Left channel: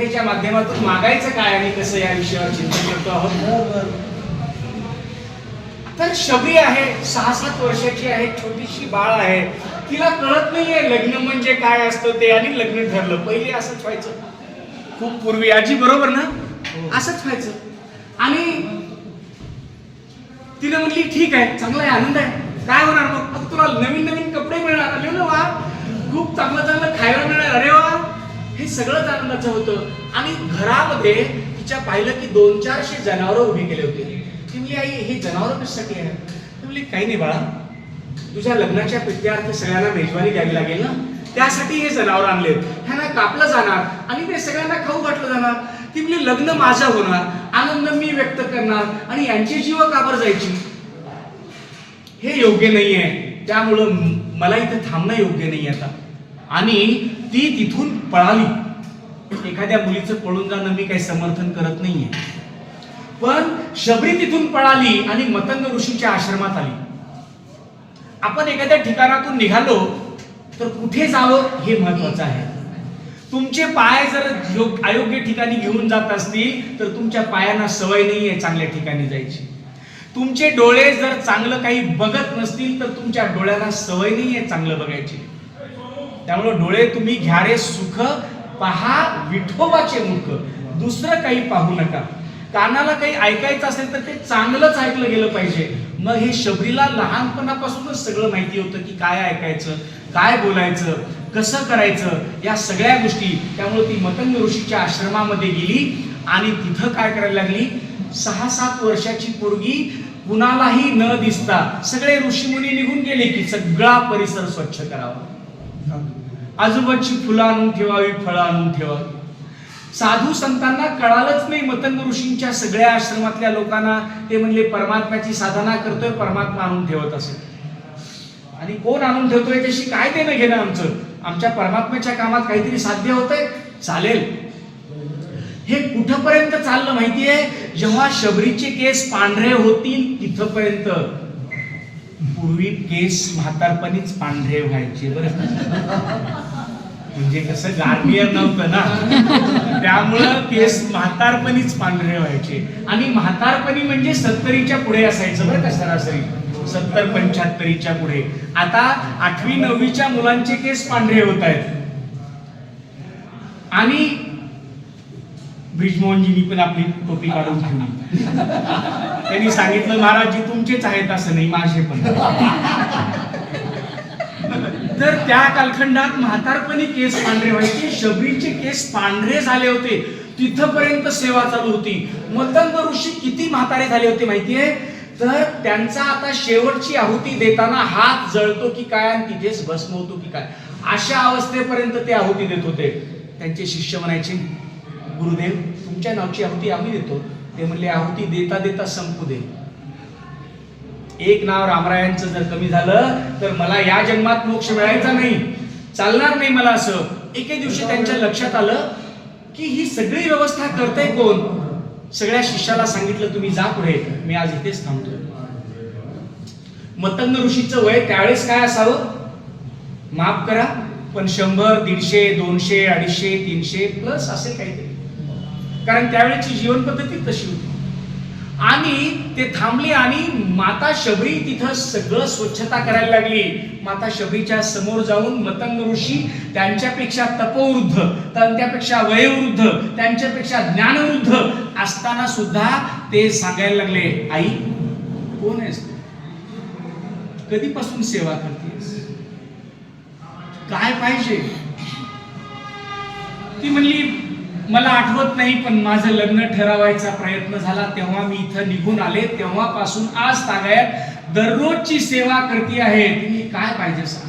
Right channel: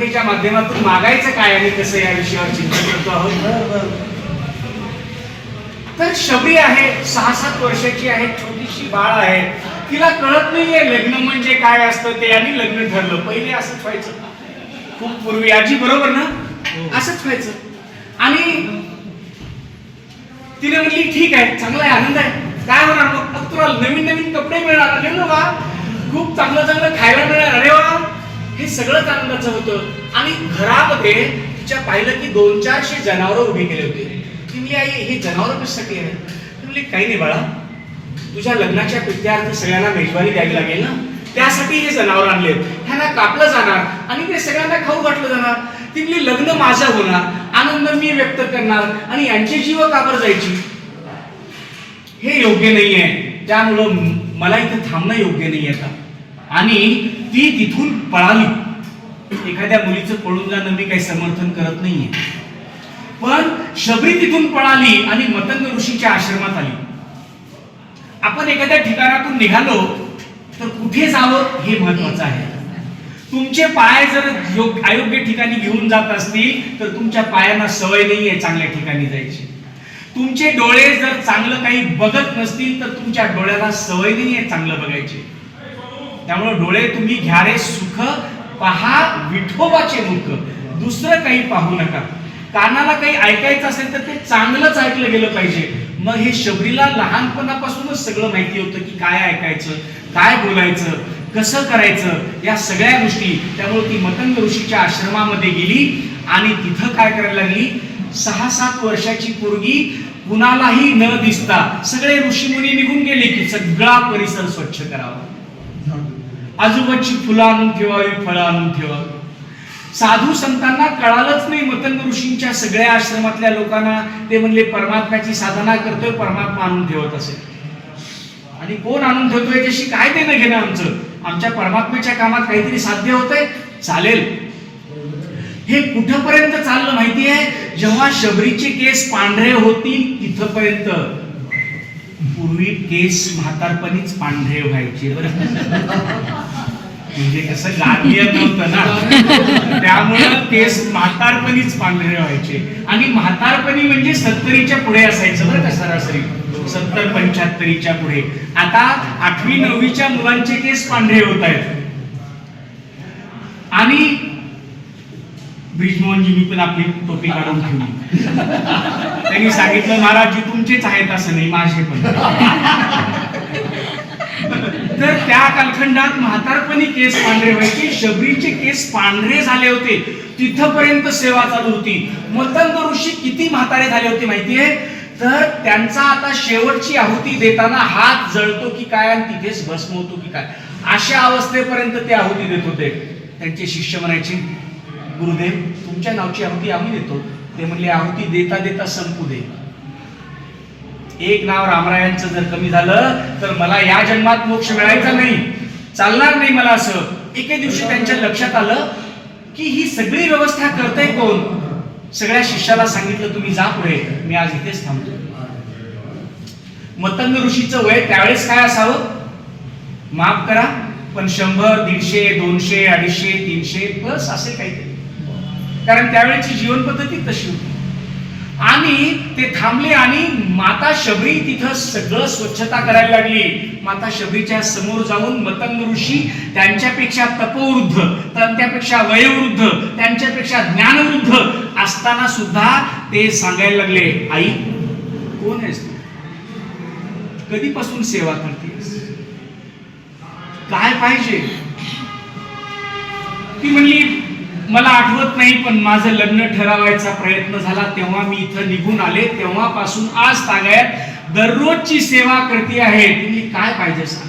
कथेच्या माध्यमातून मागायचं काय आणि कसं या विषयावर चिंतन करतो आहोत? तर शबरी आहे सहा सात वर्षाची आहे छोटीशी बाळ आहे. तिला कळत नाहीये लग्न म्हणजे काय असतं ते आणि लग्न ठरलं. पहिले असंच व्हायचं. खूप पूर्वी. आजी बरोबर ना? असंच व्हायचं. आणि तिने म्हणली ठीक आहे चांगला आहे आनंद आहे. काय होणार मग? मग तुला नवीन नवीन कपडे मिळणार. अरे वा खूप चांगलं चांगलं खायला मिळणार. अरे वा हे सगळंच आनंदाचं होतं. आणि घरामध्ये तिच्या पाहिलं की दोन चारशे जनावरं उभी केले होते. की मी आई हे जनावर कशासाठी आहे ती म्हणली काही नाही बाळा. तुझ्या लग्नाच्या पित्यार्थ सगळ्यांना मेजवानी द्यावी लागेल ना? त्यासाठी हे जनावर आणले ह्यांना कापलं जाणार आणि ते सगळ्यांना खाऊ घातलं जाणार. ती म्हणली लग्न माझं होणार. आनंद मी व्यक्त करणार आणि यांची जीव काबर जायची? हे योग्य नाहीये. त्यामुळं मला इथे थांबणं योग्य नाही आता. आणि ती तिथून पळाली. एखाद्या मुलीचं पळून जाणं मी काही समर्थन करत नाहीये. पण शबरी तिथून पळाली आणि मतंग ऋषीच्या आश्रमात आली. आपण एखाद्या ठिकाणातून निघालो तर कुठे जावं हे महत्वाचं आहे. तुमचे पाय जर योग- अयोग्य ठिकाणी घेऊन जात असतील तर तुमच्या पायांना सवय नाहीये चांगल्या ठिकाणी जायची. तुमचे डोळे जर चांगलं काही बघत नसतील तर तुमच्या डोळ्याला सवय नाहीये चांगलं बघायची. त्यामुळे डोळे तुम्ही घ्या रे सुख पहा विठोबाचे मुख. दुसरं काही पाहू नका. कानाला काही ऐकायचं असेल तर ते चांगलंच ऐकलं गेलं पाहिजे. मग हे शबरीला लहानपणापासूनच सगळं माहिती होतं की काय ऐकायचं काय बोलायचं कसं करायचं या सगळ्या गोष्टी. त्यामुळे ती मतंग ऋषीच्या आश्रमामध्ये गेली आणि तिथं काय करायला लागली? सहा सात वर्षाची पोरगी कुणालाही न दिसता सगळे ऋषीमुनी निघून गेले की सगळा परिसर स्वच्छ करावा. आजूबाजूची फुलं आणून ठेवावी फळं आणून ठेवावी साधू संतांना कळालंच नाही मतंग ऋषींच्या सगळ्या आश्रमातल्या लोकांना. ते म्हणले परमात्म्याची साधना करतोय परमात्मा आणून ठेवत असेल. आणि कोण आणून ठेवतोय याच्याशी काय देणं घेणं आमचं? आमच्या परमात्म्याच्या कामात काहीतरी साध्य होतंय? चालेल. हे कुठपर्यंत चाललं माहिती आहे जेव्हा शबरीचे केस पांढरे होतील तिथपर्यंत. पूर्वी केस म्हातारपणीच पांढरे व्हायचे. बरं म्हणजे कसं गांभीर्य नव्हतं ना. त्यामुळं केस म्हातारपणीच पांढरे व्हायचे. आणि म्हातारपणी म्हणजे सत्तरीच्या पुढे असायचं बरं का सरासरी. सत्तर पंच्याहत्तरीच्या पुढे. आता आठवी नववीच्या मुलांचे केस पांढरे होत आहेत. आणि ब्रिजमोहनजी मी पण आपली टोपी काढून ठेवली. त्यांनी सांगितलं महाराजजी तुमचेच आहेत असं नाही माझे पण. तर त्या कालखंडात म्हातारपणी केस पांढरे व्हायचे. शबरीचे केस पांढरे झाले होते. तिथपर्यंत सेवा चालू होती. मतंग ऋषी किती म्हातारे झाले होते माहितीये तर त्यांचा आता शेवटची आहुती देताना हात जळतो की काय आणि तिथेच भस्म होतो की काय? अशा अवस्थेपर्यंत ते आहुती देत होते. त्यांचे शिष्य म्हणायचे गुरुदेव तुमच्या नावची आहुती आम्ही देतो. ते म्हणले आहुती देता देता संपू दे. एक नाव रामरायांचं जर कमी झालं तर मला या जन्मात मोक्ष मिळायचा नाही. चालणार नाही मला असं. एके दिवशी त्यांच्या लक्षात आलं की ही सगळी व्यवस्था करते कोण? सगळ्या शिष्याला सांगितलं तुम्ही जा पुढे. मी आज इथेच थांबतो. मतंग ऋषीचं वय त्यावेळेस काय असावं? माफ करा पण शंभर दीडशे दोनशे अडीचशे तीनशे प्लस असे काहीतरी. कारण त्यावेळेची जीवन पद्धती तशी होती. आणि ते थांबले आणि माता शबरी तिथं सगळं स्वच्छता करायला लागली. माता शबरीच्या समोर जाऊन मतंग ऋषी त्यांच्यापेक्षा तपवृद्ध त्यांच्यापेक्षा वयोवृद्ध त्यांच्यापेक्षा ज्ञानवृद्ध असताना सुद्धा ते सांगायला लागले आई कोण आहेस तू? कधीपासून सेवा करतेस? काय पाहिजे? ती म्हणली मला आठवत नाही पण माझं लग्न ठरवायचा प्रयत्न झाला. तेव्हा मी इथं निघून आले. तेव्हापासून आज तागायत दररोजची सेवा करते आहे. तुम्ही काय पाहिजे सांग?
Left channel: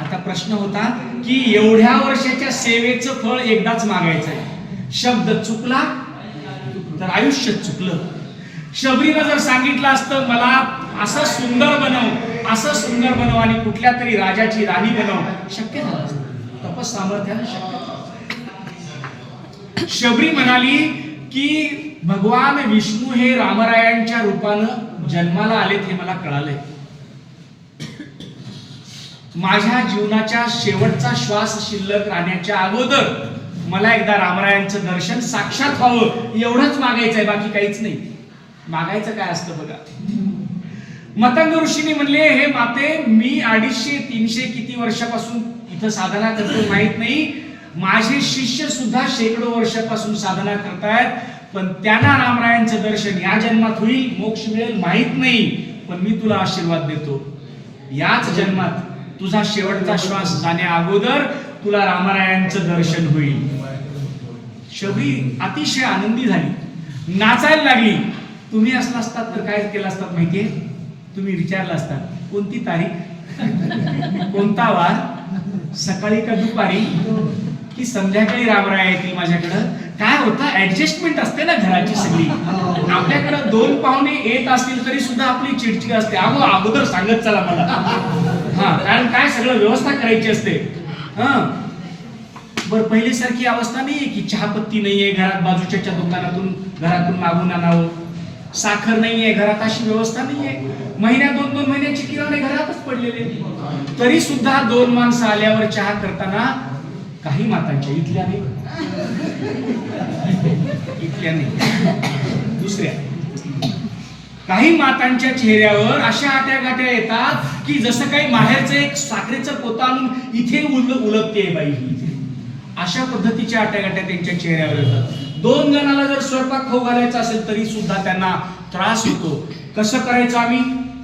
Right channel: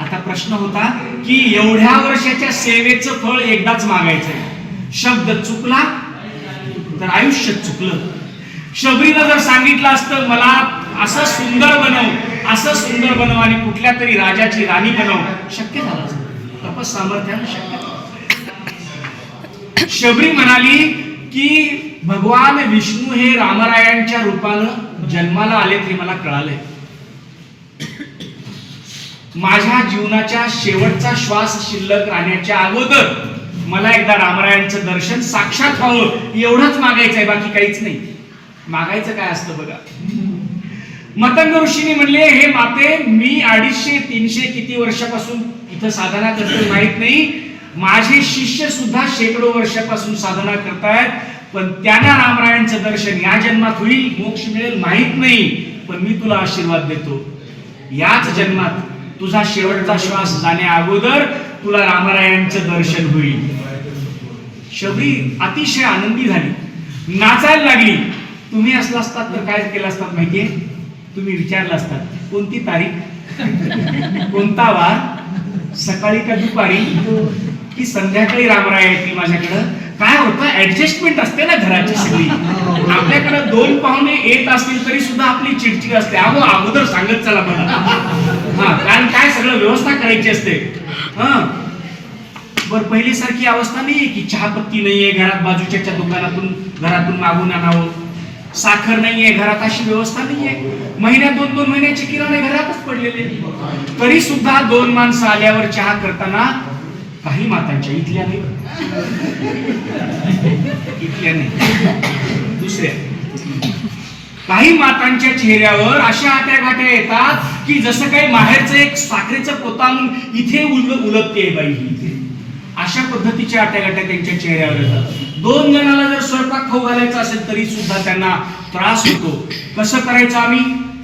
आता प्रश्न होता की एवढ्या वर्षाच्या सेवेचं फळ एकदाच मागायचं आहे. शब्द चुकला? तर आयुष्य चुकलं. शबरीनं जर सांगितलं असतं मला असं सुंदर बनव असं सुंदर बनव आणि कुठल्या तरी राजाची राणी बनव. शक्य झालं असतं. तपस सामर्थ्यानं शक्य झालं. शबरी म्हणाली की भगवान विष्णू हे रामरायांच्या रूपानं जन्माला आलेत हे मला कळालंय. माझ्या जीवनाच्या शेवटचा श्वास शिल्लक राहण्याच्या अगोदर मला एकदा रामरायांचं दर्शन साक्षात व्हावं एवढंच मागायचंय बाकी काहीच नाही. मागायचं काय असतं बघा. मतंग ऋषीने म्हणले हे माते मी अडीचशे तीनशे किती वर्षापासून इथं साधना करतो माहीत नाही माझे शिष्य सुद्धा शेकडो वर्षापासून साधना करतायत पण त्यांना रामरायांचं दर्शन या जन्मात होईल मोक्ष मिळेल माहीत नाही पण मी तुला आशीर्वाद देतो. याच जन्मात तुझा शेवटचा श्वास जाण्या अगोदर तुला रामरायांचं दर्शन होईल. शबरी अतिशय आनंदी झाली. नाचायला लागली. तुम्ही असला असतात तर काय केलं असतात माहितीये? तुम्ही विचारलं असतात कोणती तारीख? कोणता वार? सकाळी का दुपारी? की संध्याकाळी रामराय येतील माझ्याकडं. काय होतं ऍडजस्टमेंट असते ना घराची सगळी. आपल्याकडे दोन पाहुणे येत असतील तरी सुद्धा आपली चिडचिड असते. अगो अगोदर सांगत चला मला. हा कारण काय सगळं व्यवस्था करायची असते. हा. बर पहिलीसारखी अवस्था नाहीये की चहापत्ती नाहीये घरात बाजूच्या दुकानातून घरातून मागून आणावं. साखर नाहीये घरात अशी व्यवस्था नाहीये. महिन्यात दोन दोन महिन्याचे किराणे घरातच पडलेले. तरी सुद्धा दोन माणसं आल्यावर चहा करताना काही मातांच्या इथल्या नाही. इथल्या नाही. दुसऱ्या. काही मातांच्या चेहऱ्यावर अशा आट्याघाट्या येतात की जसं काही माहेरचं एक साखरेचं पोतान इथे उल उलटते बाई ही. इथे अशा पद्धतीच्या आट्याघाट्या त्यांच्या चेहऱ्यावर येतात. दोन जणाला जर स्वयंपाक खाऊ घालायचा असेल तरी सुद्धा त्यांना त्रास होतो. कसं करायचं आम्ही?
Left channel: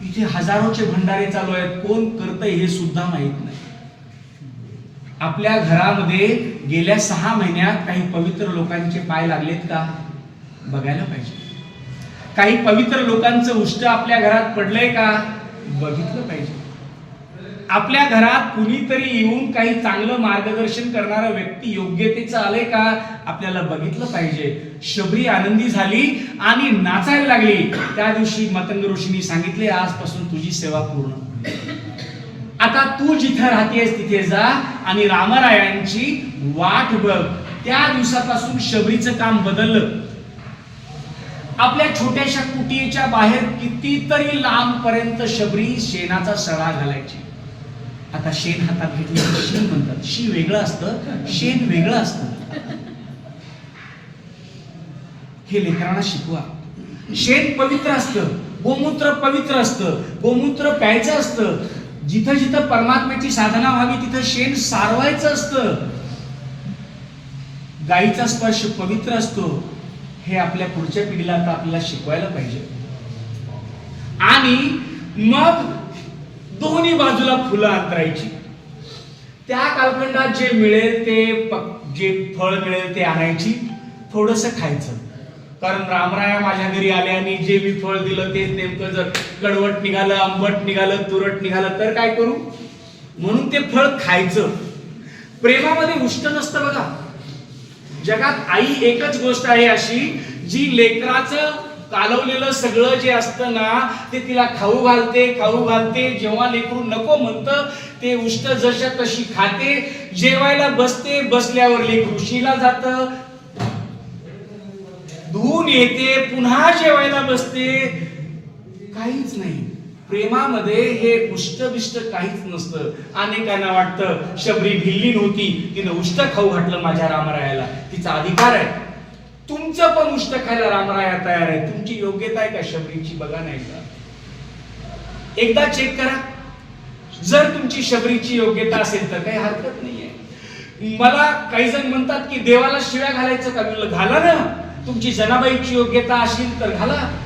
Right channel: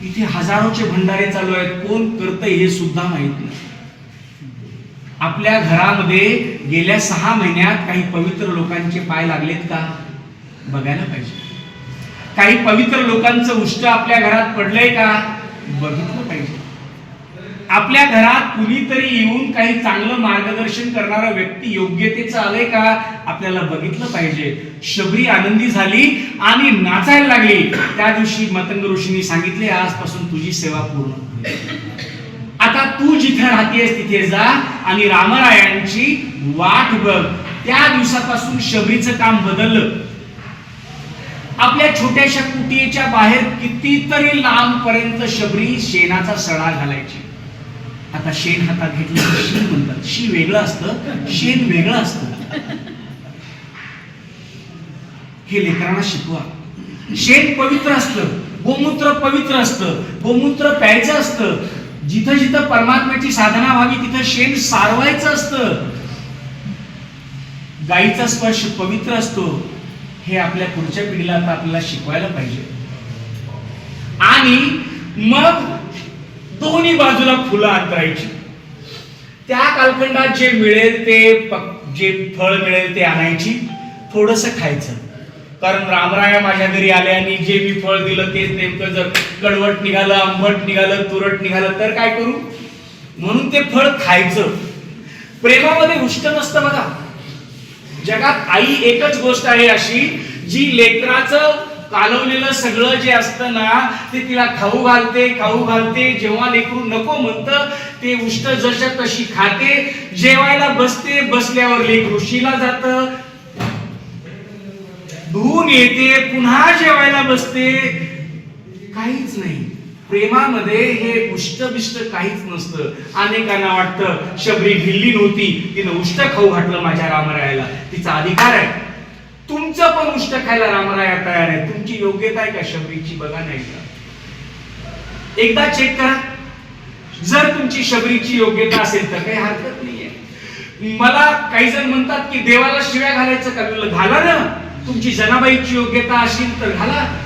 इथे हजारोचे भंडारे चालू आहेत. कोण करतंय हे सुद्धा माहीत नाही. आपल्या घरामध्ये गेल्या सहा महिन्यात काही पवित्र लोकांचे पाय लागलेत का? बघायला पाहिजे. काही पवित्र लोकांचं उष्ट आपल्या घरात पडलंय का? बघितलं पाहिजे. आपल्या घरात कुणीतरी येऊन काही चांगलं मार्गदर्शन करणारा व्यक्ती योग्यतेचं आलंय का? आपल्याला बघितलं पाहिजे. शबरी आनंदी झाली आणि नाचायला लागली. त्या दिवशी मतंग ऋषींनी सांगितले आजपासून तुझी सेवा पूर्ण आता तू जिथे राहतेस तिथे जा आणि रामरायांची वाट बघ. त्या दिवसापासून शबरीचं काम बदललं. आपल्या छोट्याशा कुटीच्या बाहेर कितीतरी लांब पर्यंत शबरी शेणाचा सडा घालायची. आता शेण हातात घेतलं शी म्हणतात. शी वेगळं असतं शेण वेगळं असतं. हे लेकरांना शिकवा. शेण पवित्र असतं गोमूत्र पवित्र असतं गोमूत्र प्यायचं असतं जिथं जिथं परमात्म्याची साधना व्हावी तिथं शेण सारवायचं असतं. गाईचा स्पर्श पवित्र असतो हे आपल्या पुढच्या पिढीला आता आपल्याला शिकवायला पाहिजे. आणि मग दोन्ही बाजूला फुलं अंतरायची. त्या कालखंडात जे मिळेल ते प- जे फळ मिळेल ते आणायची थोडस खायचं. कारण रामराया माझ्या घरी आले आणि जे मी फळ दिलं तेच नेमकं जर कडवट निघालं आंबट निघालं तुरट निघालं तर काय करू? म्हणून ते फळ खायचं. प्रेमामध्ये उष्ट नसतं बघा. जगात आई एकच गोष्ट आहे अशी जी लेकराचं कालवलेलं सगळं जे असतं ना ते तिला खाऊ घालते खाऊ घालते जेव्हा लेकरू नको म्हणतं ते उष्ट जशा तशी खाते जेवायला बसते बसल्यावर लेकरू शिला जात धुवून येते पुन्हा जेवायला बसते. काहीच नाही. प्रेमामध्ये हे उष्ट बिष्ट काहीच नसतं. अनेकांना वाटतं शबरी भिल्ली नव्हती. तिनं उष्ट खाऊ घातलं माझ्या रामरायाला. तिचा अधिकार आहे. तुमचं पण उष्ट खायला रामराया तयार आहे. तुमची योग्यता आहे का शबरीची? बघा नाही का एकदा चेक करा. जर तुमची शबरीची योग्यता असेल तर काही हरकत नाहीये. मला काही जण म्हणतात की देवाला शिव्या घालायचं का? घाला ना. तुमची जनाबाईची योग्यता असेल तर घाला.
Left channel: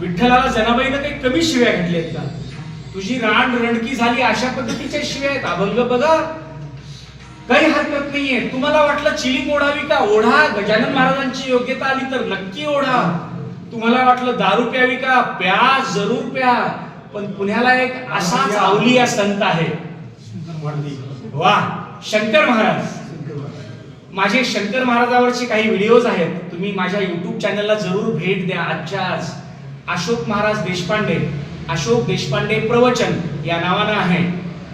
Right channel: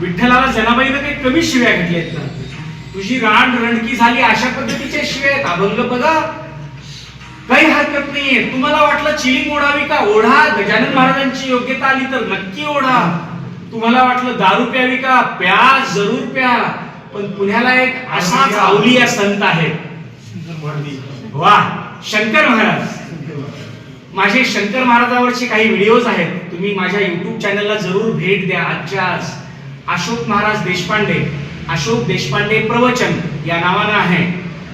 विठ्ठलाला जनाबाईनं काही कमी शिव्या घातल्यात का? तुझी रान रणकी झाली अशा पद्धतीच्या शिव्या आहेत. अभंग बघा. काही हरकत नाहीये. तुम्हाला वाटलं चिलिंग ओढावी का? ओढा. गजानन महाराजांची योग्यता आली तर नक्की ओढा. तुम्हाला वाटलं दारू प्यावी का? प्या जरूर प्या. पण पुण्याला एक असाच अवलिया संत आहे वा. शंकर महाराज. माझे शंकर महाराजावरचे काही व्हिडिओज आहेत तुम्ही माझ्या युट्यूब चॅनलला जरूर भेट द्या. आजच्या आज अशोक महाराज देशपांडे अशोक देशपांडे प्रवचन या नावानं आहे.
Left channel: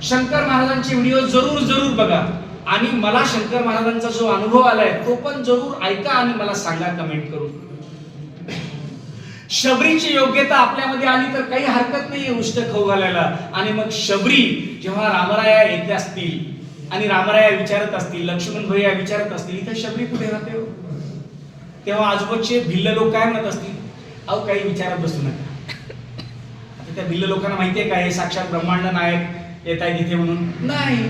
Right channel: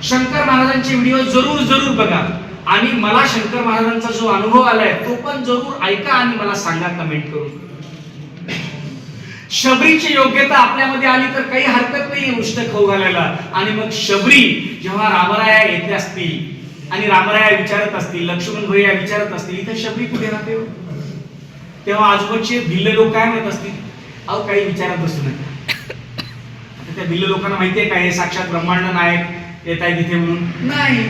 शंकर महाराजांचे व्हिडिओ जरूर जरूर बघा. आणि मला शंकर महाराजांचा जो अनुभव आलाय तो पण जरूर ऐका आणि मला सांगा कमेंट करून. शबरीची योग्यता आपल्यामध्ये आली तर काही हरकत नाही उष्ट खाऊ घालायला आणि मग शबरी जेव्हा रामराया येते असतील आणि रामराया विचारत असतील लक्ष्मण भैया विचारत असतील इथे शबरी कुठे राहते हो? तेव्हा आजूबाजूचे भिल्ल लोक काय म्हणत असतील? अहो काही विचारत बसू नये आता त्या भिल्ल लोकांना माहितीये काय हे साक्षात ब्रह्मांड नायक येत आहे तिथे म्हणून? नाही.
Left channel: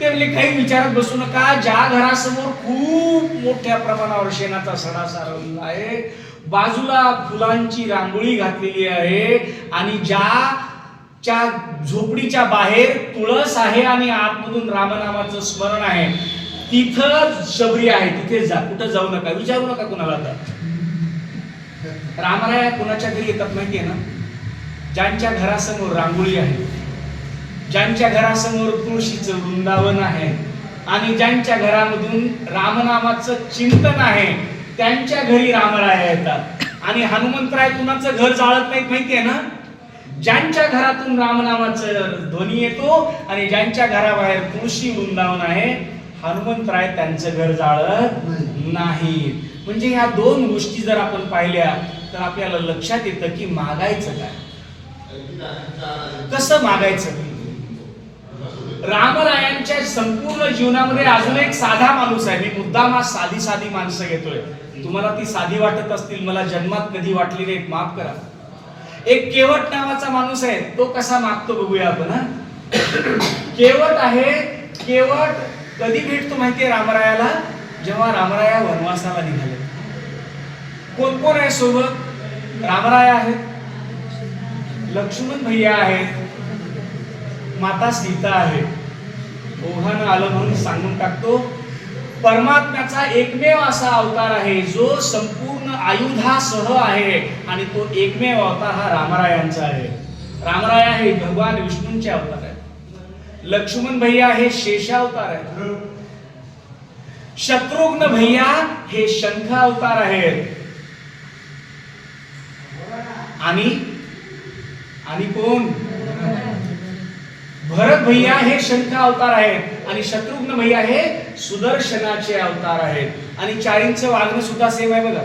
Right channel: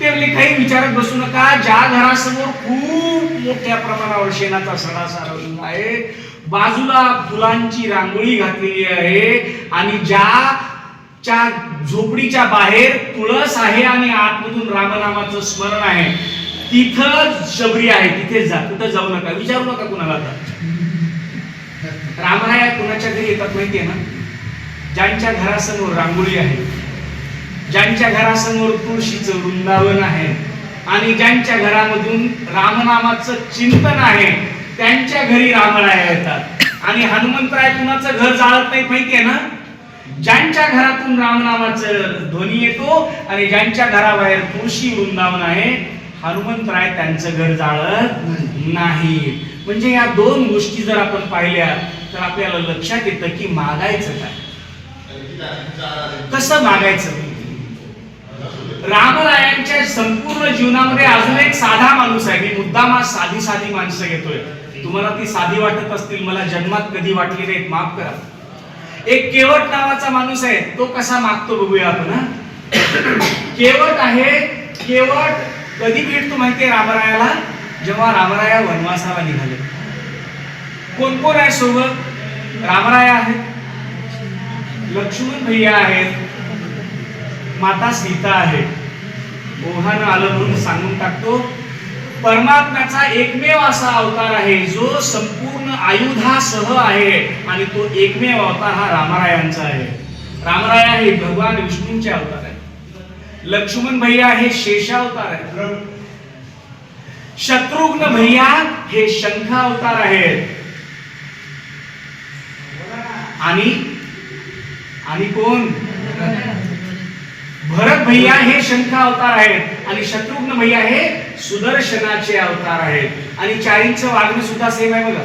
ते म्हणले काही विचारत बसू नका. ज्या घरासमोर खूप मोठ्या प्रमाणावर शेणाचा सडा सारवलेला आहे बाजूला फुलांची रांगोळी घातलेली आहे आणि ज्या च्या झोपडीच्या बाहेर तुळस आहे आणि आतमधून रामनामाचं स्मरण आहे. तिथं शबरी आहे तिथे जा कुठं जाऊ नका विचारू नका कुणाला आता. रामराया कुणाच्या घरी येतात माहितीये ना? ज्यांच्या घरासमोर रांगोळी आहे ज्यांच्या घरासमोर तुळशीचं वृंदावन आहे आणि ज्यांच्या घरामधून रामनामाचं चिंतन आहे त्यांच्या घरी रामराया येतात. आणि हनुमंतराय कुणाचं घर जाळत नाही माहितीये ना? ज्यांच्या घरातून रामनामाचं ध्वनी येतो आणि ज्यांच्या घराबाहेर तुळशी वृंदावन आहे हनुमंतराय त्यांचं घर जाळत नाही. म्हणजे या दोन गोष्टी जर आपण पाहिल्या तर आपल्याला लक्षात येतं की मागायचं काय? कसं मागायचं? रामरायांच्या संपूर्ण जीवनामध्ये अजून एक साधा माणूस आहे. मी मुद्दाम आज साधी साधी माणसं घेतोय. तुम्हाला ती साधी वाटत असतील मला जन्मात कधी वाटली नाहीत माफ करा. एक केवट नावाचा माणूस आहे तो कसा मागतो बघूया आपण केवट आहे केवट कधी भेटतो माहितीये रामरायाला? जेव्हा रामराया वनवासाला निघाले. कोण कोण आहे सोबत? रामराया आहेत. लक्ष्मण भैया आहेत. माता सीता आहे. ओघानं आलं म्हणून सांगून टाकतो. परमात्म्याचा एकमेव असा अवतार आहे जो संपूर्ण आयुधासह आहे आणि तो एकमेव अवतार हा रामरायांचा आहे. रामराया हे भगवान विष्णूंचे अवतार आहे लक्ष्मण भैया हे शेषावतार आहे शत्रुघ्न भैया हे शंख अवतार आहेत. आणि आणि कोण? भरत भैया हे शंख अवतार आहेत आणि शत्रुघ्न भैया हे सुदर्शनाचे अवतार आहेत. आणि चारींचं वागणं सुद्धा सेम आहे बघा.